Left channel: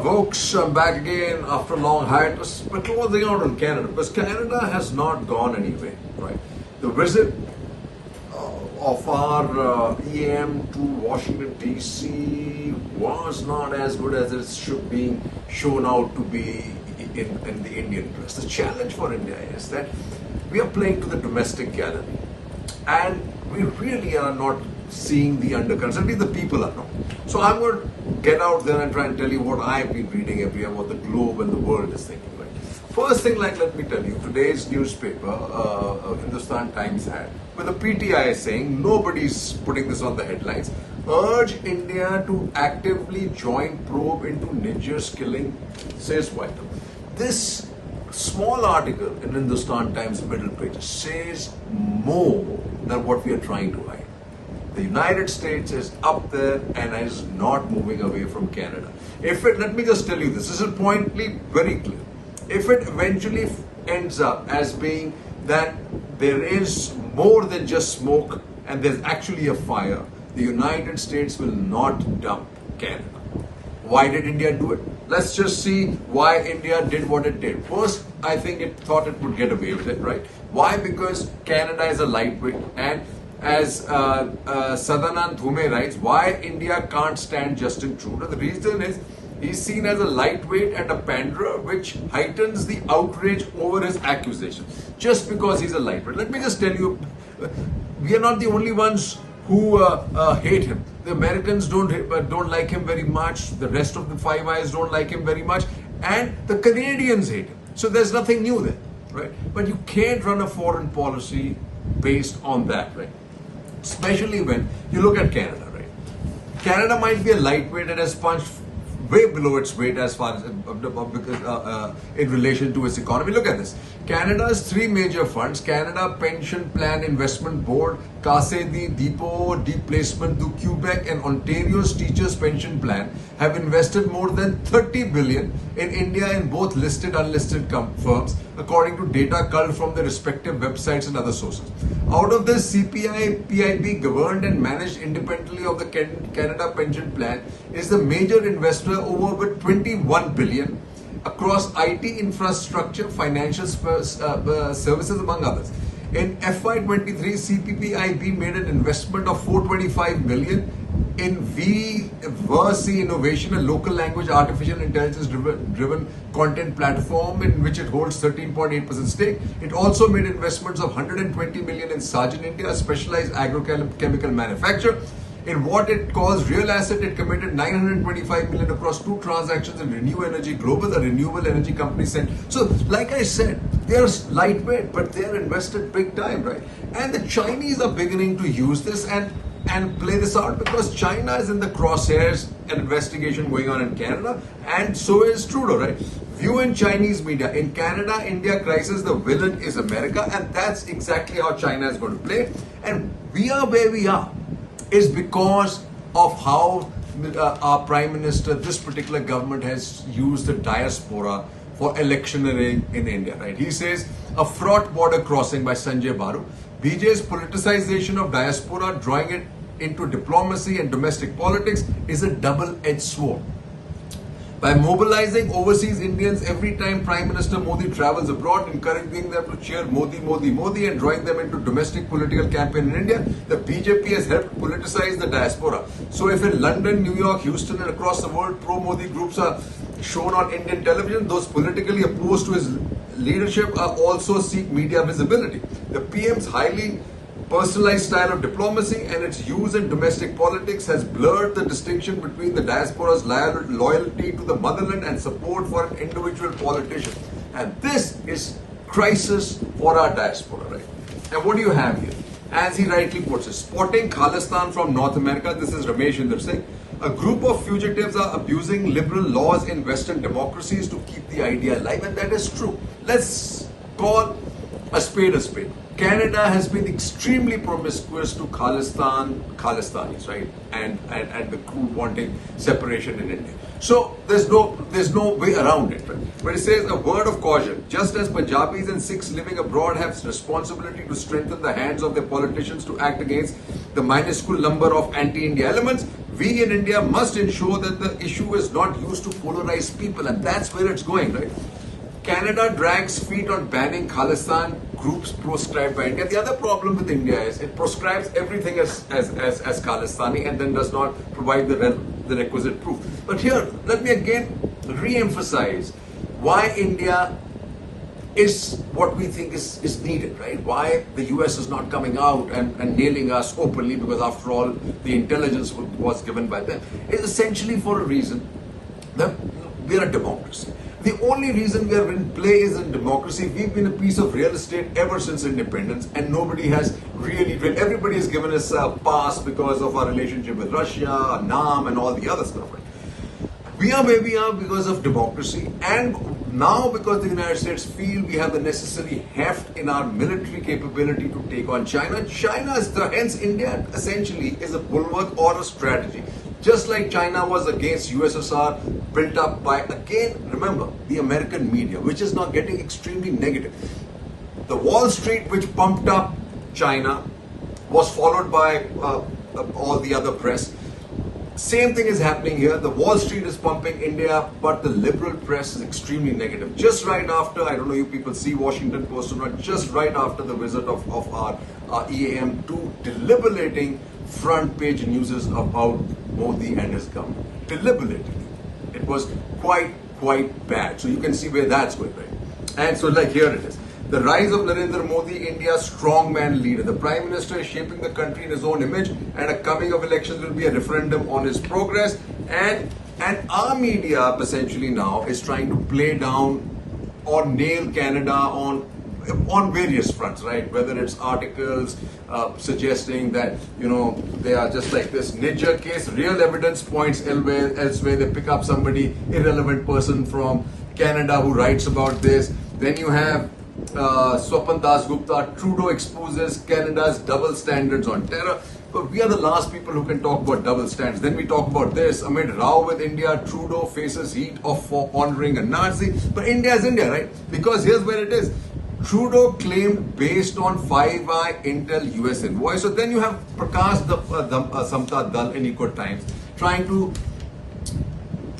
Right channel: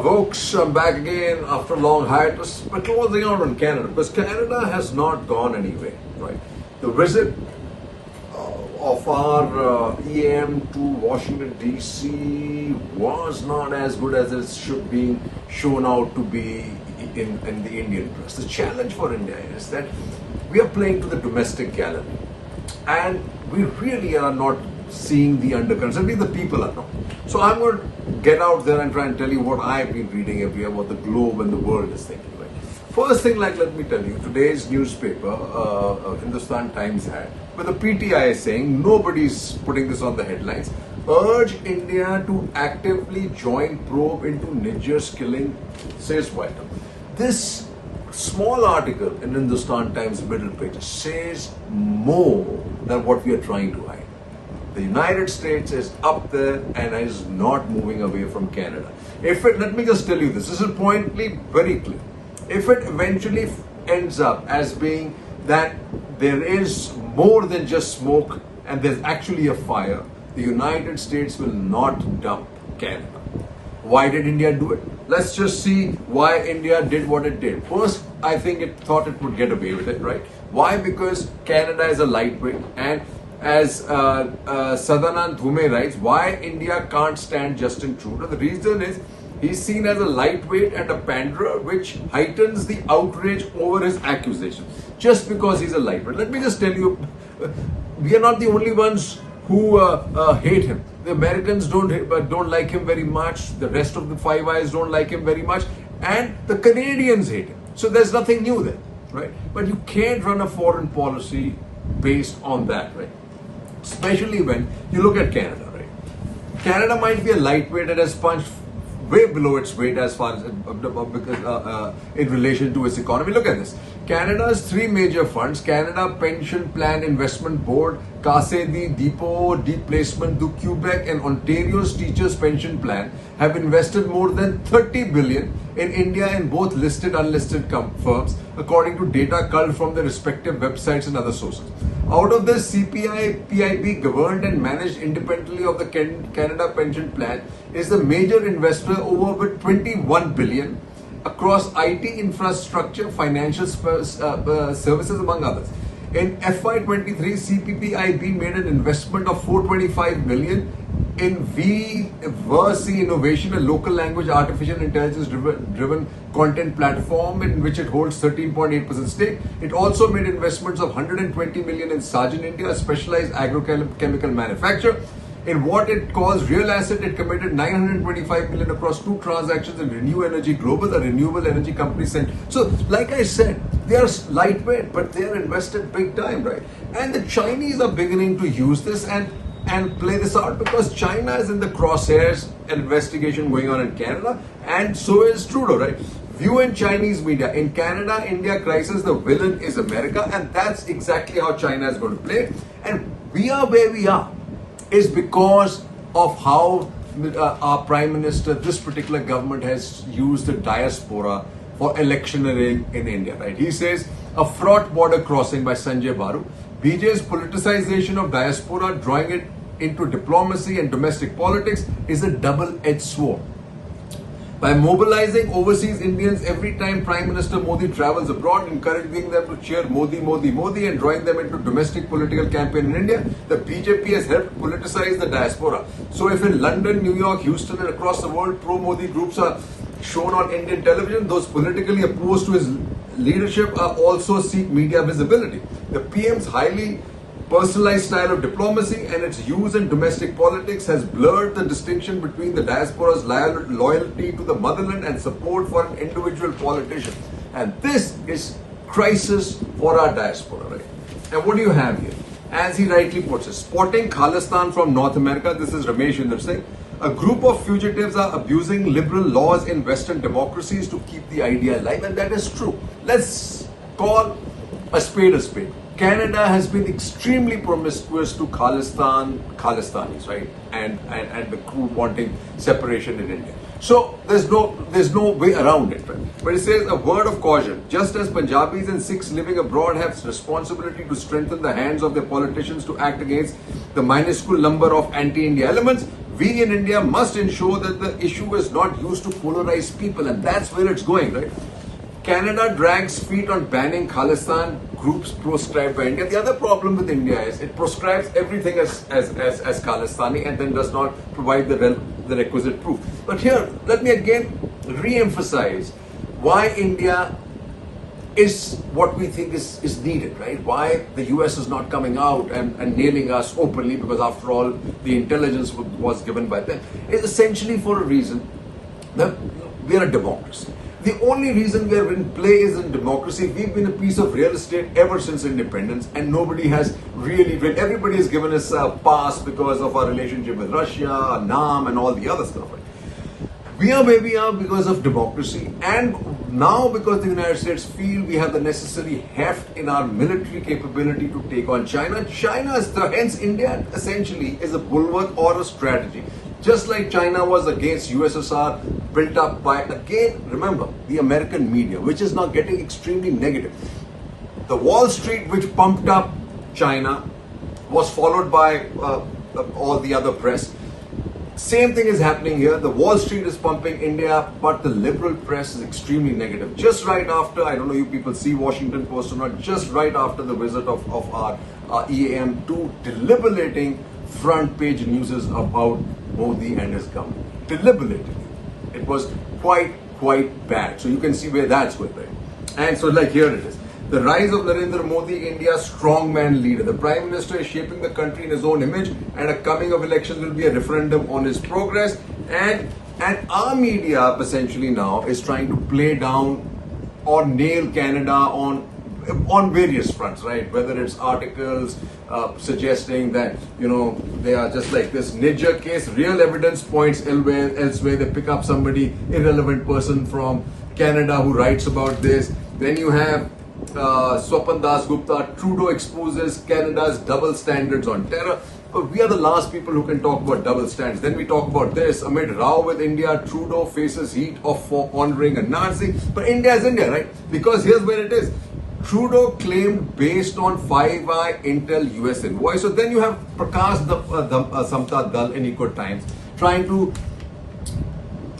Folks, I'm back again after a long hiatus. We're closing out on Canada because Canada has not gone anywhere, right? The visit of our EM to Washington DC was not as good as it should be shown out to be in the Indian press. The challenge for India is that we are playing to the domestic gallery and we really are not seeing the undercurrents. At least the people are not. So I'm going to get out there and try and tell you what I've been reading every year, what the globe and the world is thinking. Right? First thing, let me tell you, today's newspaper, Hindustan Times had, with the PTI saying, nobody's putting this on the headlines, urge India to actively join probe into Niger's killing, says White House. This small article in Hindustan Times middle page says more than what we are trying to hide. The United States is up there and is not moving away from Canada. Let me just tell you this is pointedly very clear. If it eventually ends up as being that there is more than just smoke and there's actually a fire, the United States will not dump Canada. Why did India do it? Let's just see why India did what it did. First, I think it thought it would get away with it, right? Why? Because Canada is a lightweight, and as Sadanand Dhume writes, why India can't stand Justin Trudeau? The reason is he's seen as a lightweight and a panderer, which heightens the outrage over his accusation just because he's a lightweight. Let me just tell you, we are not the only ones who hate him. The Americans don't like him very much. The rest of the Five Eyes don't like him very much, and the Canadians hate him. So there's nothing new there, right? But you can't run a foreign policy based on that, right? Especially when you look at Canada, right? Canada might be a lightweight and has punched way below its weight as far as in relation to its economy. Look at this. Canada's three major funds, Canada Pension Plan Investment Board, Caisse de Depot Deep Placement du Quebec, and Ontario's Teachers Pension Plan have invested more than 30 billion in India in both listed and unlisted firms, according to data culled from their respective websites and other sources. Out of this, CPI PIB, governed and managed independently of the Canada Pension Plan, is the major investor over with 21 billion across IT infrastructure, financial services, among others. In FY23, CPPIB made an investment of 425 million in VRC Innovation, a local language artificial intelligence driven content platform in which it holds 13.8% stake. It also made investments of 120 million in Sargent India, a specialized agrochemical manufacturer. In what it calls real asset, it committed 925 million across two transactions in Renew Energy Global, a renewable energy company. So, like I said, they are lightweight, but they are invested big time, right? And the Chinese are beginning to use this and play this out because China is in the crosshairs, an investigation going on in Canada, and so is Trudeau, right? View in Chinese media. In Canada, India crisis, the villain is America, and that's exactly how China is going to play. And we are where we are is because of how our Prime Minister, this particular government, has used the diaspora for electioneering in India, right? He says, a fraught border crossing by Sanjay Baru. BJ's politicization of diaspora, drawing it into diplomacy and domestic politics, is a double-edged sword. By mobilizing overseas Indians every time Prime Minister Modi travels abroad, encouraging them to cheer Modi, Modi, Modi, and drawing them into domestic political campaign in India, the BJP has helped politicize the diaspora. So if in London, New York, Houston, and across the world, pro-Modi groups are shown on Indian television, those politically opposed to his leadership are also seek media visibility. The PM's highly personalized style of diplomacy and its use in domestic politics has blurred the distinction between the diaspora's loyalty to the motherland and support for an individual politician. And this is crisis for our diaspora, right? And what do you have here? As he rightly puts it, spotting Khalistan from North America, this is Ramesh Inder Singh. A group of fugitives are abusing liberal laws in Western democracies to keep the idea alive, and that is true. Let's call a spade a spade. Canada has been extremely promiscuous to Khalistanis, right? And the crew wanting separation in India. So there's no way around it, right? But it says a word of caution. Just as Punjabis and Sikhs living abroad have responsibility to strengthen the hands of their politicians to act against the minuscule number of anti-India elements, We in India must ensure that the issue is not used to polarize people, and that's where it's going, right? Canada drags feet on banning Khalistan groups proscribed by India. The other problem with India is it proscribes everything as Khalistani and then does not provide the requisite proof. But here, let me again re-emphasize why India is what we think is needed, right? Why the US is not coming out and nailing us openly, because after all, the intelligence was given by them, is essentially for a reason that we are a democracy. The only reason we are in play is in democracy. We've been a piece of real estate ever since independence, and nobody has really, everybody has given us a pass because of our relationship with Russia, NAM, and all the other stuff. Right? We are where we are because of democracy, and now because the United States feel we have the necessary heft in our military capability to take on China. Hence India essentially is a bulwark or a strategy. Just like China was against USSR, built up by, again, remember, the American media, which is now getting extremely negative. The Wall Street, which pumped up China, was followed by all the other press. Same thing is happening here. The Wall Street is pumping India, but the liberal press is extremely negative. Just right after, I don't know you people see Washington Post or not, just right after the visit of our EAM2, deliberating front page news is about Modi and his government. Deliberating. It was quite bad. So you can see where that's going, right? And so like here it is. The rise of Narendra Modi, India's strongman leader. The Prime Minister is shaping the country in his own image, and a coming of elections will be a referendum on his progress. And our media essentially now is trying to play down or nail Canada on various fronts, right? Whether it's articles suggesting that, they are just like this Niger case, real evidence points elsewhere. They pick up somebody, irrelevant person from Canada who writes about this. Then you have Swapan Das Gupta, Trudeau exposes Canada's double standards on terror. But we are the last people who can talk about double standards. Then we talk about this. Amid row with India, Trudeau faces heat for honoring a Nazi. But India is India, right? Because here's where it is. Trudeau claimed based on 5i Intel US invoice. So then you have Prakash Samta Dal in Eco Times trying to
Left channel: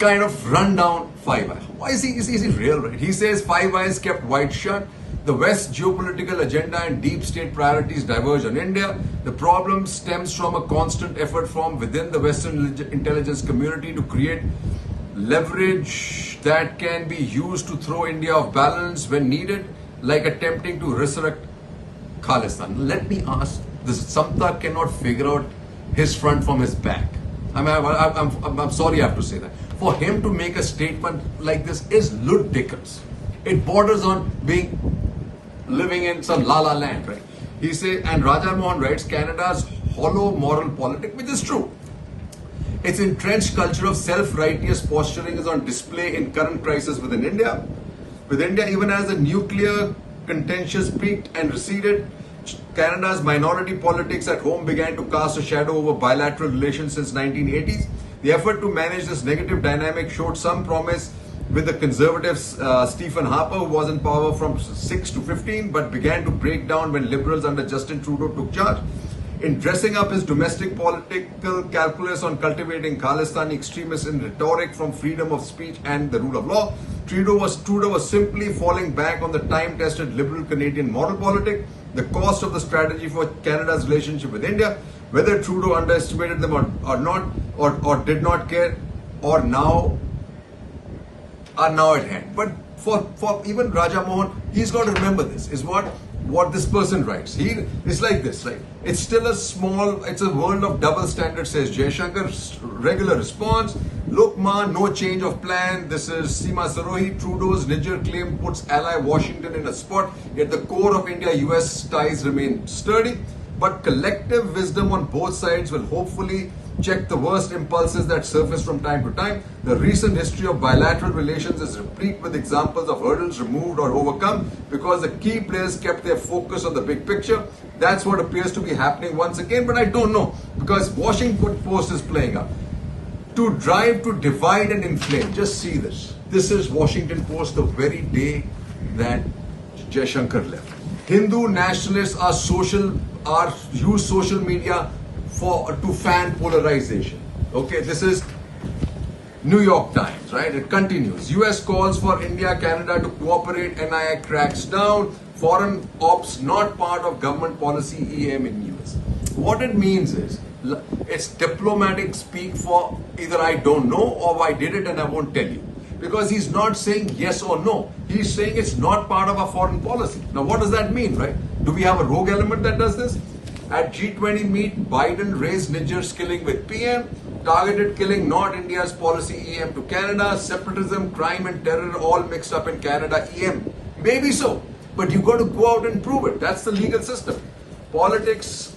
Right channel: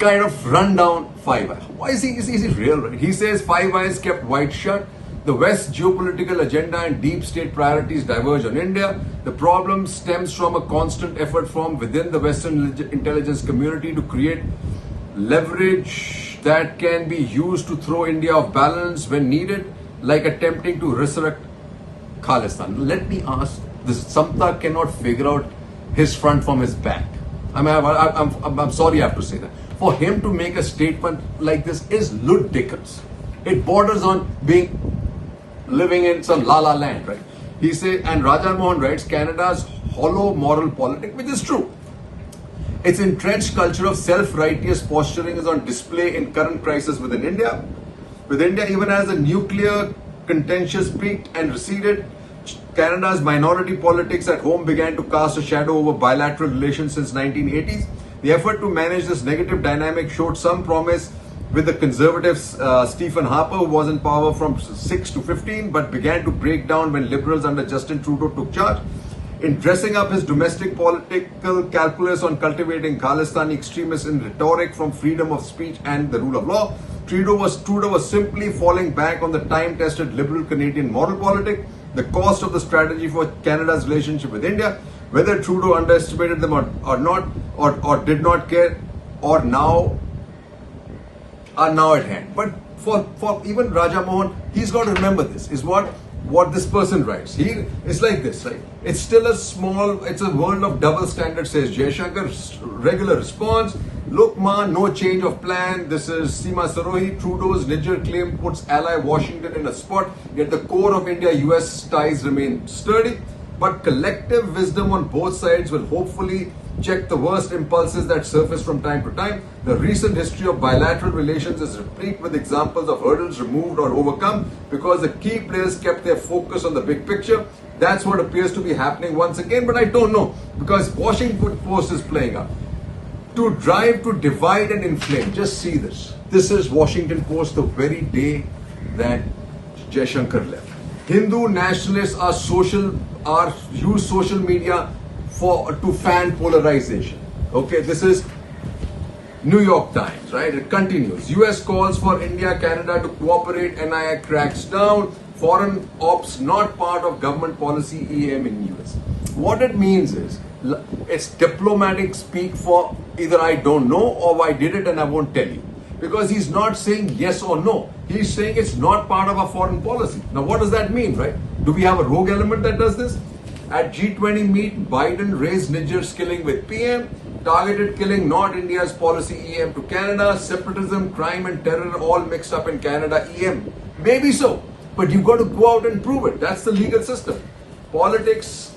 kind of run down 5i. Why is he real, right? He says 5i is kept wide shut. The West's geopolitical agenda and deep state priorities diverge on India. The problem stems from a constant effort from within the Western intelligence community to create leverage that can be used to throw India off balance when needed, like attempting to resurrect Khalistan. Let me ask this: Samta cannot figure out his front from his back. I'm sorry I have to say that. For him to make a statement like this is ludicrous. It borders on living in some la-la land, right? He says, and Raja Mohan writes, Canada's hollow moral politic, which is true. Its entrenched culture of self-righteous posturing is on display in current crisis within India. With India, even as the nuclear contentious peaked and receded, Canada's minority politics at home began to cast a shadow over bilateral relations since 1980s. The effort to manage this negative dynamic showed some promise with the conservative Stephen Harper, who was in power from 6 to 15, but began to break down when liberals under Justin Trudeau took charge. In dressing up his domestic political calculus on cultivating Khalistani extremists in rhetoric from freedom of speech and the rule of law, Trudeau was simply falling back on the time-tested liberal Canadian moral politic. The cost of the strategy for Canada's relationship with India, whether Trudeau underestimated them or not, or did not care, are now at hand. But for even Raja Mohan, he's got to remember this, is what this person writes. It's like this, right? It's still it's a world of double standards, says Jaishankar. Regular response, look ma, no change of plan. This is Seema Sarohi. Trudeau's Niger claim puts ally Washington in a spot, yet the core of India-US ties remain sturdy. But collective wisdom on both sides will hopefully check the worst impulses that surface from time to time. The recent history of bilateral relations is replete with examples of hurdles removed or overcome because the key players kept their focus on the big picture. That's what appears to be happening once again, but I don't know, because Washington Post is playing up. To drive, to divide and inflame. Just see this. This is Washington Post the very day that Jaishankar left. Hindu nationalists use social media to fan polarization. Okay, this is New York Times, right? It continues. US calls for India, Canada to cooperate. NIA cracks down. Foreign ops not part of government policy. EM in US. What it means is, it's diplomatic speak for either I don't know or I did it and I won't tell you. Because he's not saying yes or no. He's saying it's not part of our foreign policy. Now, what does that mean, right? Do we have a rogue element that does this? At G20 meet, Biden raised Niger's killing with PM. Targeted killing, not India's policy. EM to Canada. Separatism, crime and terror all mixed up in Canada. EM. Maybe so. But you've got to go out and prove it. That's the legal system. Politics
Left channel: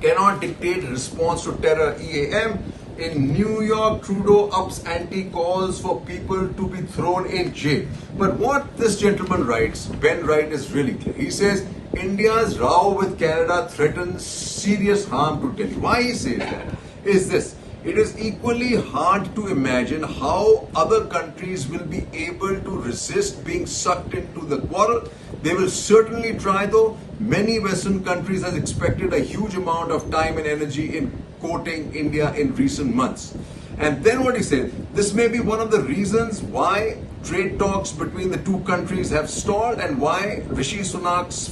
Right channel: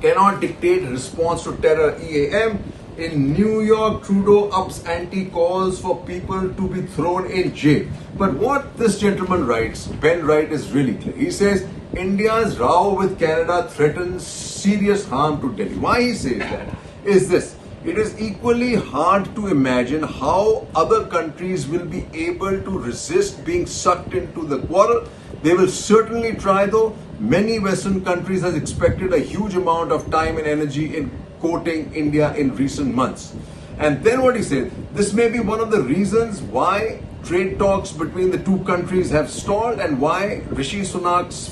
cannot dictate response to terror. EAM. In New York, Trudeau ups ante, calls for people to be thrown in jail. But what this gentleman writes, Ben Wright, is really clear. He says India's row with Canada threatens serious harm to Delhi. Why he says that is this. It is equally hard to imagine how other countries will be able to resist being sucked into the quarrel. They will certainly try, though. Many Western countries has expected a huge amount of time and energy in quoting India in recent months. And then what he says, this may be one of the reasons why trade talks between the two countries have stalled and why Rishi Sunak's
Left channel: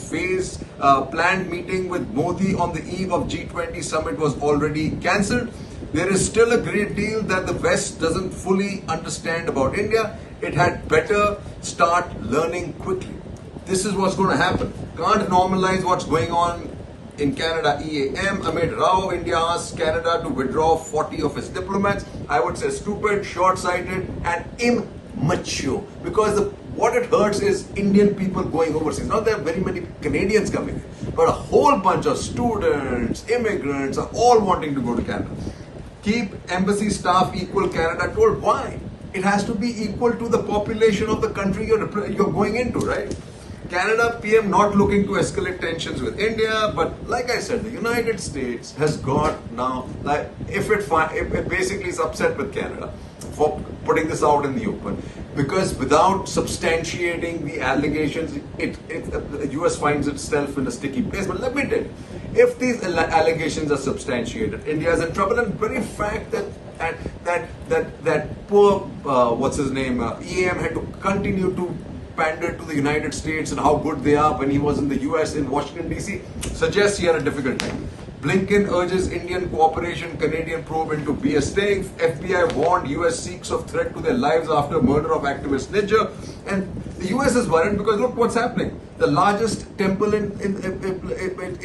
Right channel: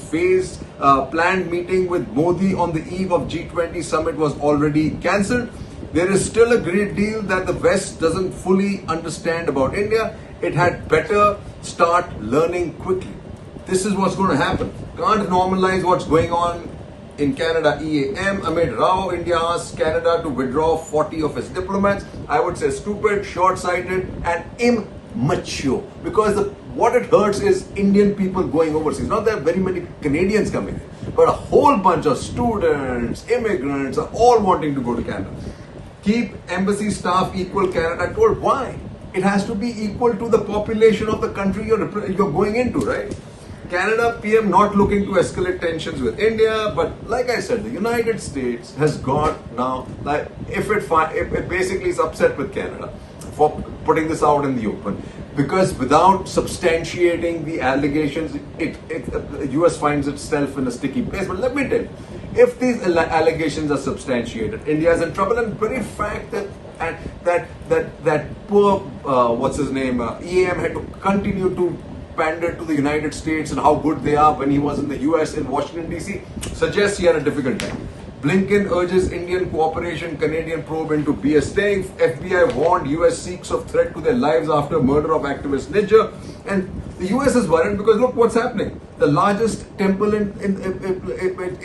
planned meeting with Modi on the eve of G20 summit was already cancelled. There is still a great deal that the West doesn't fully understand about India. It had better start learning quickly. This is what's going to happen. Can't normalize what's going on in Canada. EAM. Amid row, India asks Canada to withdraw 40 of its diplomats. I would say stupid, short-sighted and immature. Because what it hurts is Indian people going overseas. Not that very many Canadians coming in, but a whole bunch of students, immigrants are all wanting to go to Canada. Keep embassy staff equal, Canada told. Why? It has to be equal to the population of the country you're going into, right? Canada PM not looking to escalate tensions with India, but like I said, the United States has got now, like if it basically is upset with Canada for putting this out in the open, because without substantiating the allegations, the US finds itself in a sticky place. But let me tell you, if these allegations are substantiated, India is in trouble. And very fact that poor what's his name EAM had to continue to pander to the United States and how good they are when he was in the US in Washington DC suggests he had a difficult time. Blinken urges Indian cooperation, Canadian probe into BS staying. FBI warned US Sikhs of threat to their lives after murder of activist Niger. And the US is worried because look what's happening. The largest temple in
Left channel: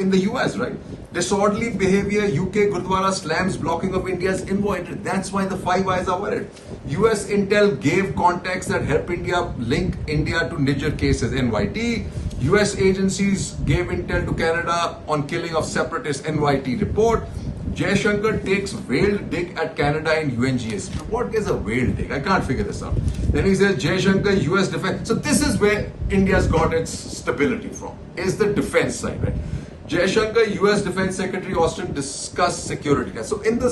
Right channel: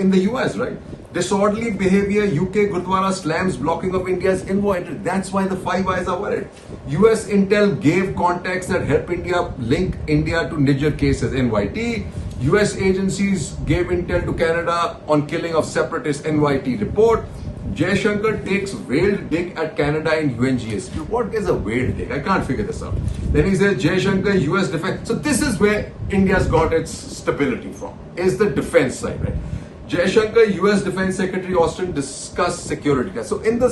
the US, right? Disorderly behavior, UK Gurdwara slams blocking of India's envoy. That's why the Five Eyes are worried. US intel gave contacts that help India link India to Niger cases. NYT. US agencies gave intel to Canada on killing of separatist. NYT report. Jaishankar takes veiled dig at Canada in UNGSQ. What is a veiled dig? I can't figure this out. Then he says Jaishankar, US defense. So this is where India's got its stability from. Is the defense side, right? Jaishankar, US Defense Secretary Austin discussed security. So in the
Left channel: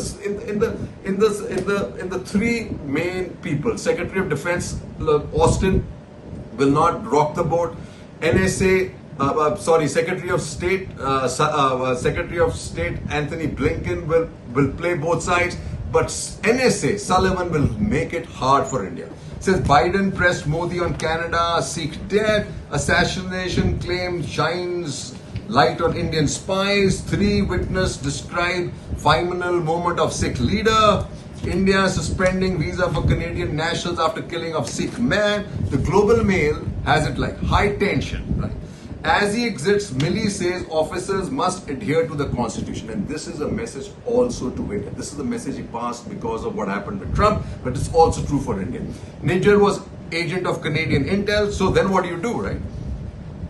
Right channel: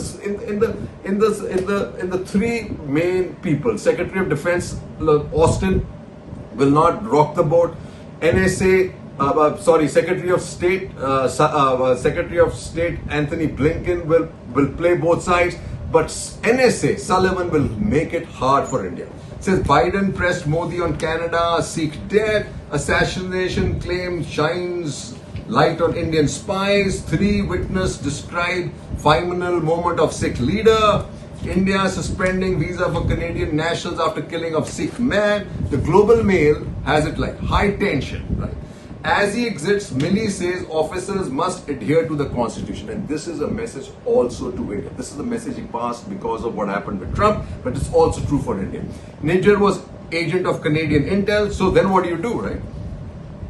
three main people, Secretary of Defense Austin will not rock the boat. NSA, Secretary of State Anthony Blinken will play both sides, but NSA Sullivan will make it hard for India. Says Biden pressed Modi on Canada, Sikh death, assassination claim shines light on Indian spies. 3 witnesses describe final moment of Sikh leader. India suspending visa for Canadian nationals after killing of Sikh man. The Global Mail has it like high tension, right? As he exits, Milley says officers must adhere to the constitution. And this is a message also to India. This is the message he passed because of what happened with Trump, but it's also true for India. Niger was agent of Canadian intel. So then what do, right?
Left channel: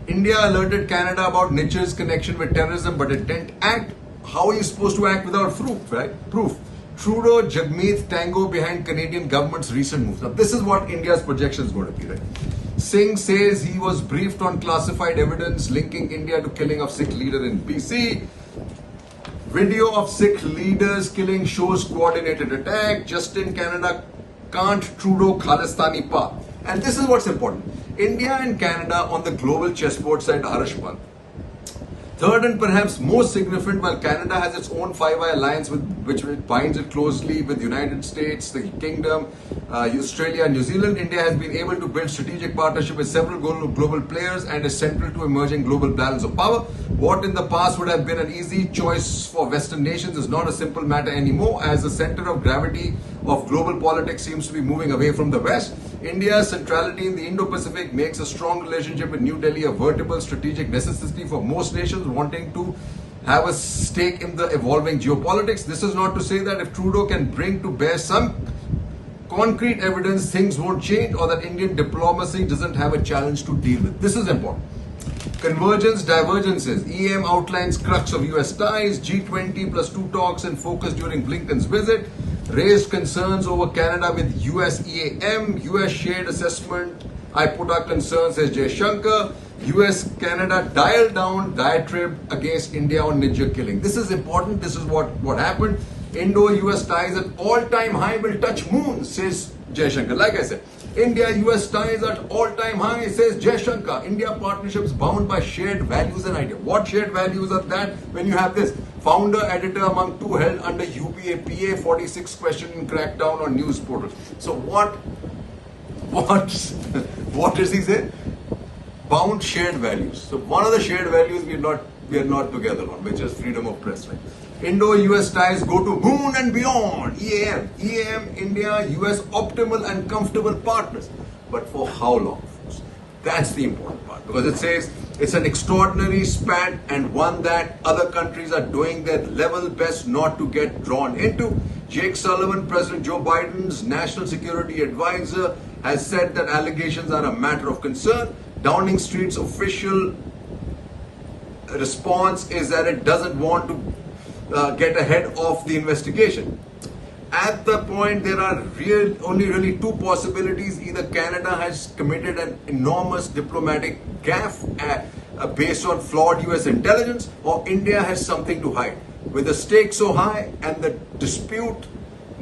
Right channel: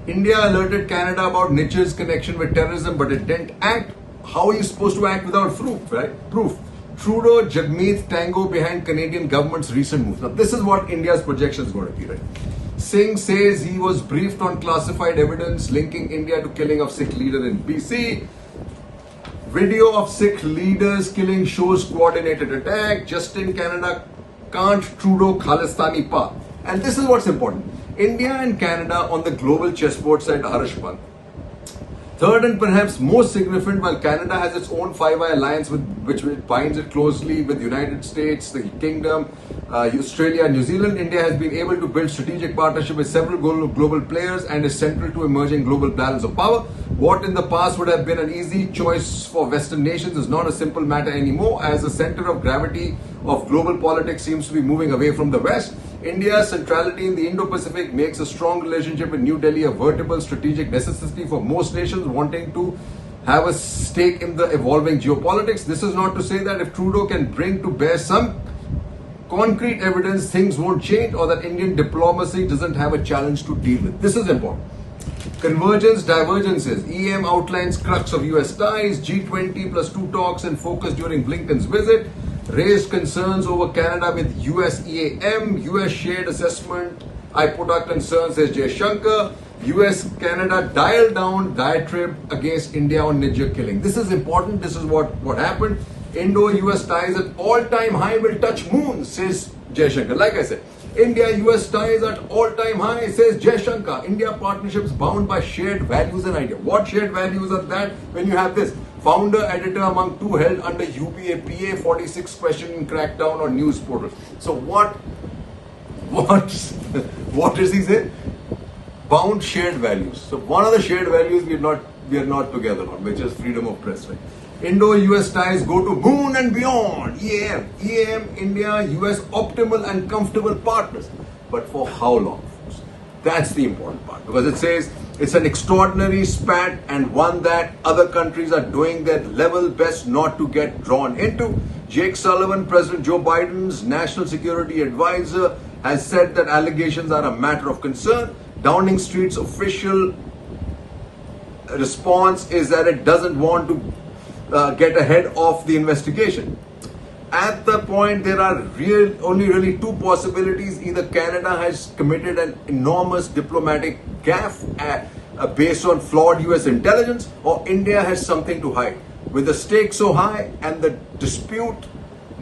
India alerted Canada about Niger's connection with terrorism, but it didn't act. How are you supposed to act without proof, right? Proof. Trudeau, Jagmeet tango behind Canadian government's recent moves. Now, this is what India's projection is going to be, right? Singh says he was briefed on classified evidence linking India to killing of Sikh leader in BC. Video of Sikh leaders killing shows coordinated attack. Justin Canada can't Trudeau Khalistani path. And this is what's important. India and Canada on the global chessboard side, Harsh Pant. Third and perhaps most significant, while Canada has its own Five Eye Alliance with which it binds it closely with the United States, the Kingdom, Australia and New Zealand, India has been able to build strategic partnership with several global players and is central to emerging global balance of power. What in the past would have been an easy choice for Western nations is not a simple matter anymore, as the center of gravity of global politics seems to be moving away from the West. India's centrality in the Indo-Pacific makes a strong relationship with New Delhi a vertebral strategic necessity for most nations wanting to have a stake in the evolving geopolitics. This is not to say that if Trudeau can bring to bear some concrete evidence, things won't change, or that Indian diplomacy doesn't have a challenge to deal with. This is important. Convergence, divergences. EM outlines crux of US ties. G20 plus 2 talks in focus during Blinken's visit. Raised concerns over Canada with US EAM. US shared assessment. I put our concerns, says Jaishankar. US-Canada dialed down diatribe against India on Ninja killing. This is important. This is what happened. Indo-US ties at all-time high will touch moon, says Jaishankar. Like I said, India-US ties at all-time high, says Jaishankar. India partnerships bound by shared values and ideas. What shared values are that? When you have this founder, editor among two held under UPA PA 46 question crackdown on news portals. So what does he say? Bound shared values. So one of the shared values we are not together on, which is freedom of press. Right? Indo-US ties go to moon and beyond. EAM, India, US optimal and comfortable partners. But for how long, folks? That's the important part, because it says it's an extraordinary spat and one that other countries are doing their level best not to get drawn into. Jake Sullivan, President Joe Biden's national security advisor, has said that allegations are a matter of concern. Downing Street's official response is that it doesn't want to get ahead of the investigation. At the point, there are only really two possibilities. Either Canada has committed an enormous diplomatic gaffe based on flawed US intelligence, or India has something to hide. With the stakes so high and the dispute,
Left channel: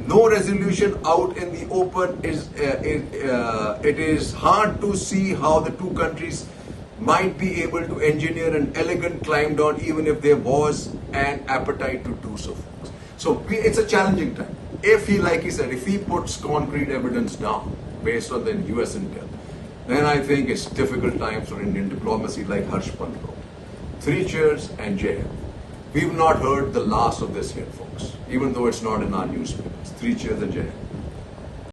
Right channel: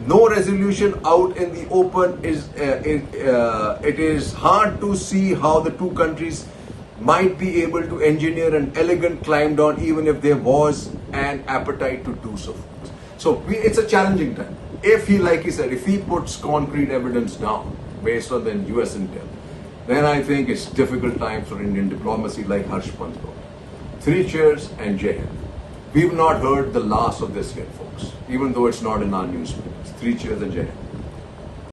no resolution out in the open, it is hard to see how the two countries might be able to engineer an elegant climb down, even if there was an appetite to do so. So it's a challenging time. If he, like he said, if he puts concrete evidence down based on the US intel, then I think it's difficult times for Indian diplomacy, like Harsh Pant wrote. 3 cheers and Jai Hind. We've not heard the last of this yet, folks, even though it's not in our newspapers. 3 cheers and Jai Hind.